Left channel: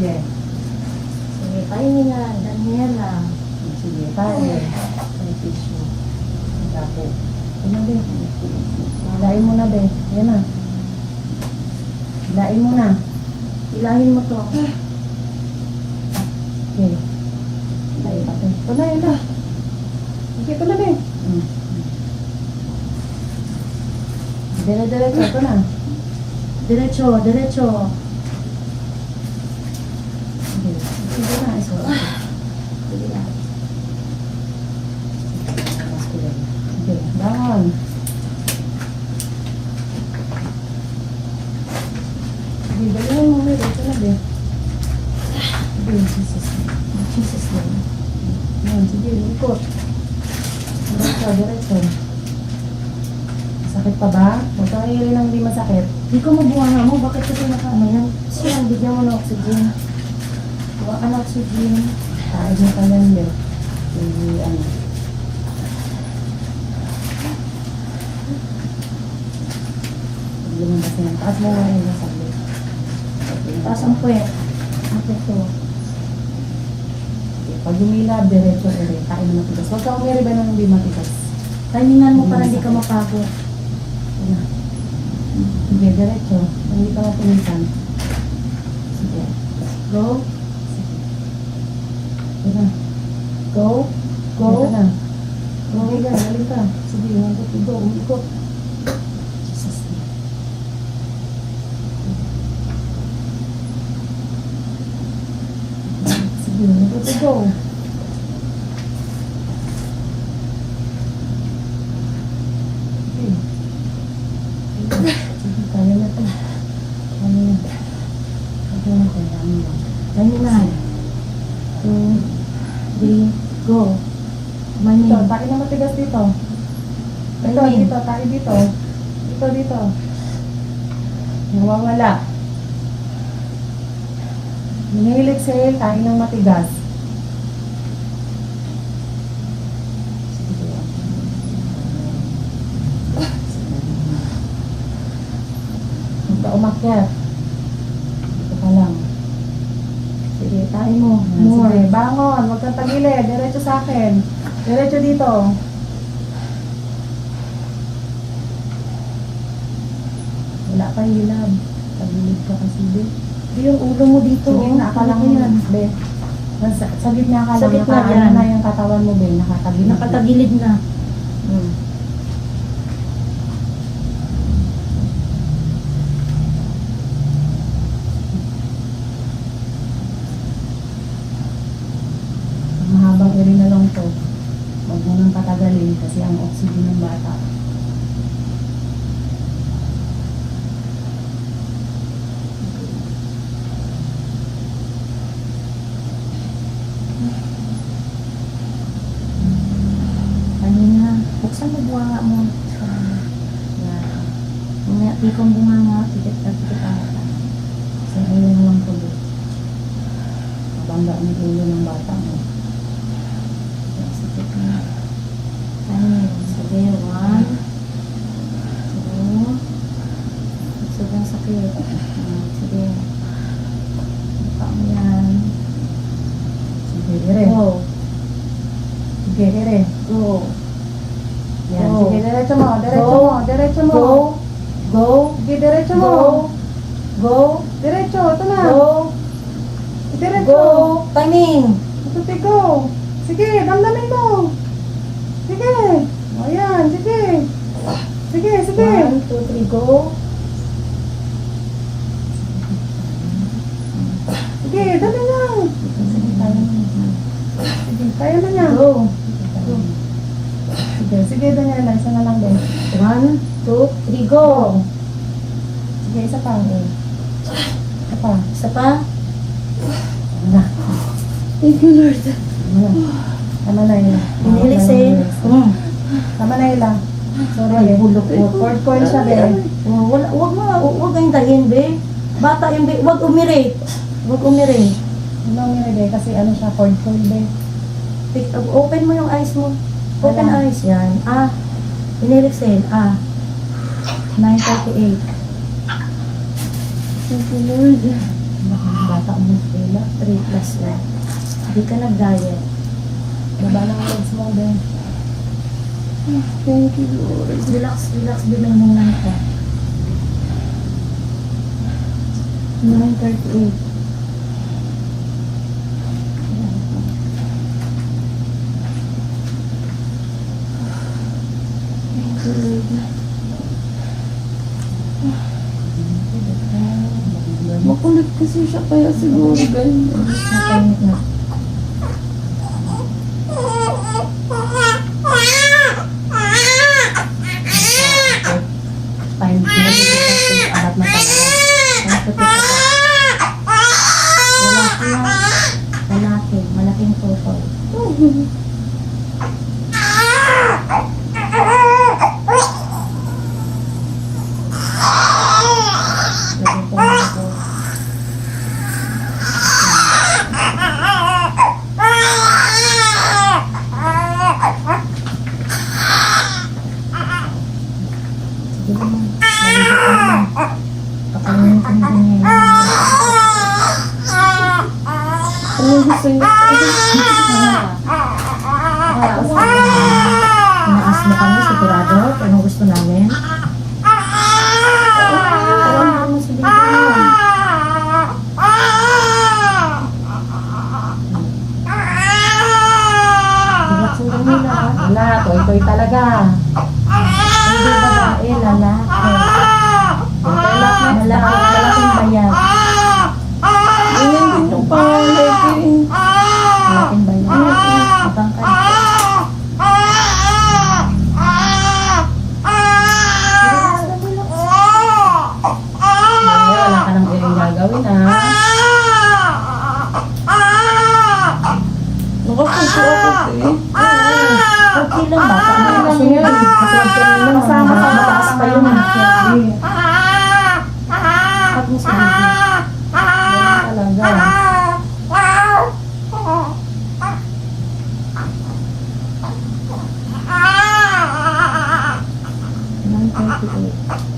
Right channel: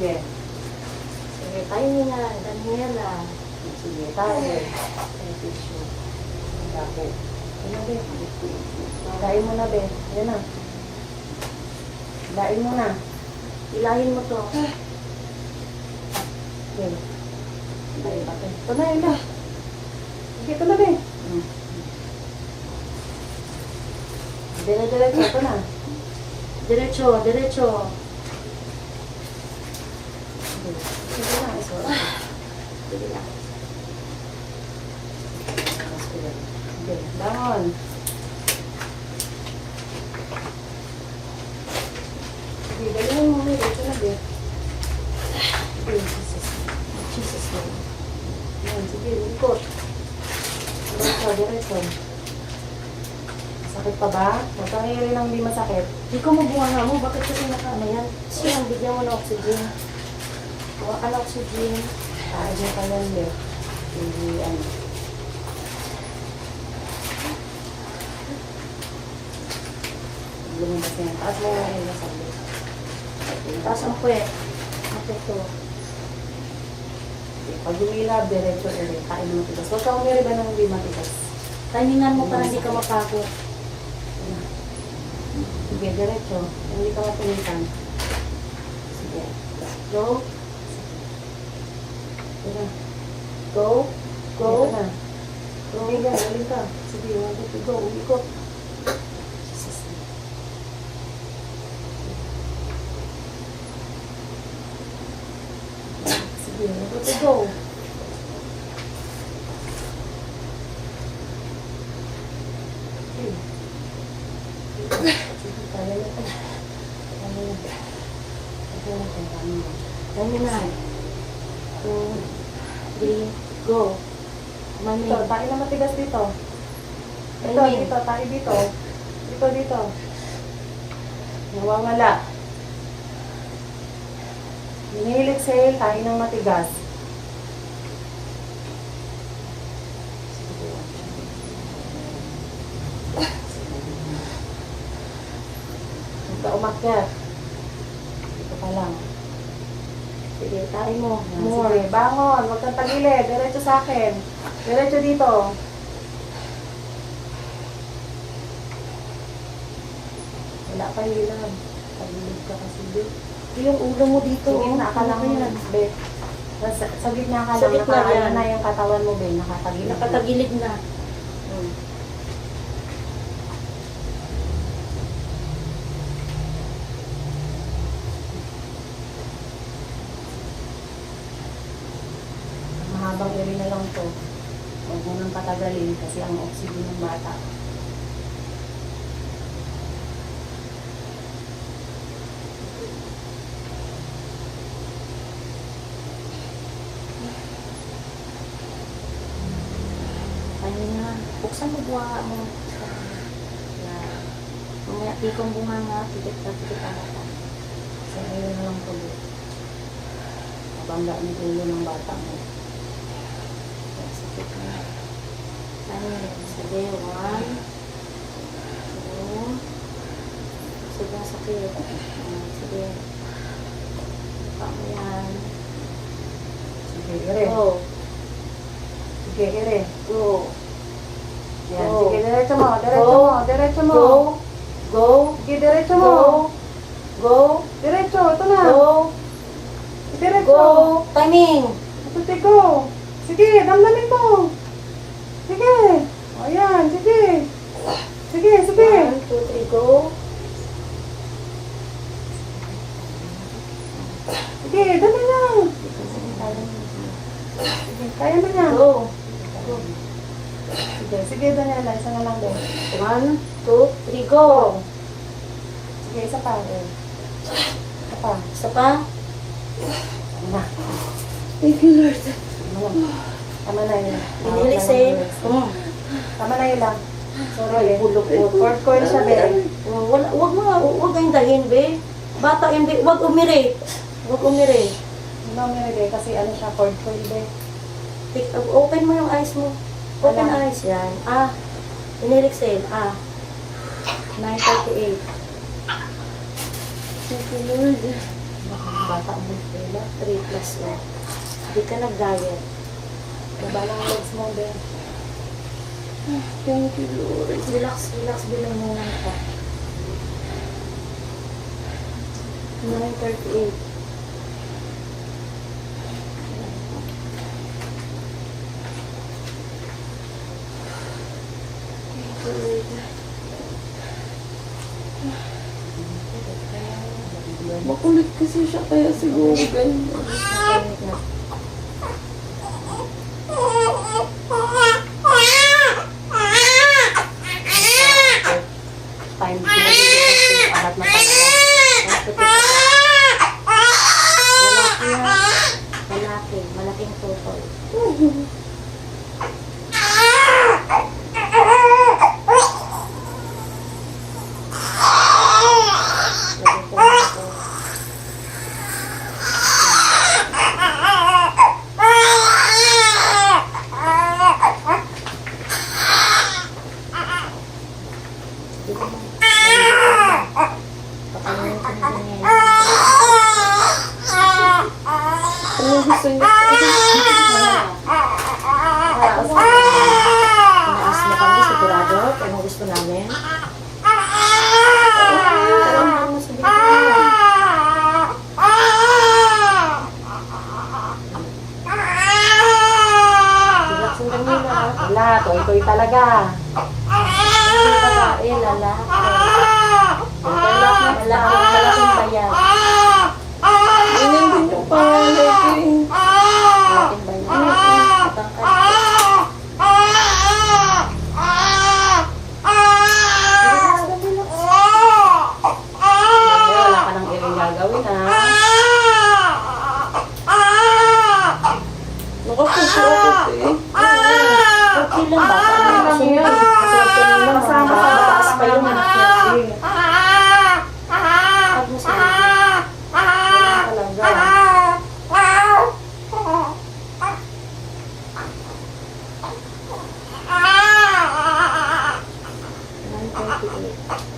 Sige. Sige, tayo na. Daniela. Sige, tayo. May tissue. Tapo. Ano din? Lain mo na, be. Yan na. Lain mo na. Ilahin mo to. Okay. Lain pa. Ito na, ito. Okay, ito na, be. Dire-diretso, ito na. Diretso, diretso. Sige na, iso. Sige na. Sige, bangon. Sige, galing mo, be. Ito na, be. Sige, Jesus. Jesus, be. Yan, sige, likot. Diretso, diretso. Sakit pa ba? Huwag kang hirin ng hindi masakit. Hindi ko mabuha mo. Bakit kasi naka-ano yan? Sige, bigyan mo ng oxygen. Huwag ka ng oxygen. Kahit mo ka yan, be. Ano. Hindi mo kasi yan. Taas mo nga yung sabi. Taas ang puwet. Okay to. Pag lumilab, diretso ulit. Kain mo matigas. Huwag ka umiri ba ng hindi matigas? Timingan mo para hindi ka mapagod. Sige, diretso. Hindi ka mapinisan. Sige. Go. Sige. Go. Go. Ito na. Sige ka, dali ka. Sige, go. Umikot. Jesus. Sige, go. Sige. Sige, kaya na ito. Kaya na. Kaya na, kaya na. Timingan. 2, 3, go. Mani. Dito, tayo na matigas dito. Ito, Amin. dito, tayo dito. Dito, dito. Nawawala. Hinihilit sa'yo, tayo ng matigas. Huwag ka umakyat. Dito ka lang. Sige, tayo mo. More. More. Bangon, huwag kang tagilid. Diretso sa akin. Diretso dito. Wala pa yung lilab. Tagilid ka kasi, be. Hindi yung ulo mo dito. Sa gitna ka lang yan, be. Sa gitna ka Sa lang. gitna Nakaano yan. na yung katawan mo, be. Nakatagilid. Nakatagilid na. Hmm. Mahabang iri na lang to. Huwag mo nang patagalin kasi ang oxygen ng bata. Tayo na. Buksan mo buha mo. Na. Mamaya pikong bunganga. Tikit na tikit ata. Kasi iri na lang to. Mabanda ang ulo ng bata mo. Sakit na. Tayo. Sige. 1, 2. Sobrang sakit. Sige. Buka mo yan. Sige, iri. Go. Sige, iri. Go. Yan, Go. sige, diretso mo, diretso Go. mo, diretso mo. Go. Go. Sige, diretso mo. Go. Go. Diretso, ito na. Go. Diretso. Go. Timing. Ito, sige, go. Sige, damdamin mo. Sige. O, yan, sige. Sige, sige. 1, 2, 3, go. Sige, dali lang. Sige, kaya na niya. Go. Go. Sige, sige, Daniela, isa na lang din. 1, 2, 3, go. Sige, isa pa. Isa pa. Isa pa. Na. Thank you, Lord. Tama na yun. Inilig sa'yo. Tama na yun lang. Sorry, Ay, be. bulok mo. Word ko yun siya, be. Wag kayong dahin, be. Bata yung be. Wag umiri. Wag umiri. Hindi ako nilagay kasi ano siya, cord coil, be. Open mo yung eyes mo. Open Alam. eyes. Yan. Inilig sa'yo. 9:38. Thank you, Lord. Bata mo, diba? 3 plus 1. Hindi ka nag-diet. Baba ng legs mo din. Thank you, Lord. Relax, relax din yung muna ka. 9:38. Thank you, Lord. Makulit kasi siya kaya siguro ganyan. Napainit na. Fine. Arat matagal. Lalaki yan. Lalaki. Malaking tutol. Ano gusto niyo? Inaas mo kami, sigurado. Anong gusto namin? Alam mo sa bigyan. Relaxin lang nila. Wala, toy-toy talaga. Hindi babae, lalaki. Malaking bayan. Ganyan din yung pangalan. Malaking bayan. Matangkad. Wala ka nang ilang gagawin, ha? Nakapuso ako eh. Okay lang ba? Paano ka sunod? Matawag ka na lang. Mataas pa yun. Pag mo sa video. Wala talaga. 9:38.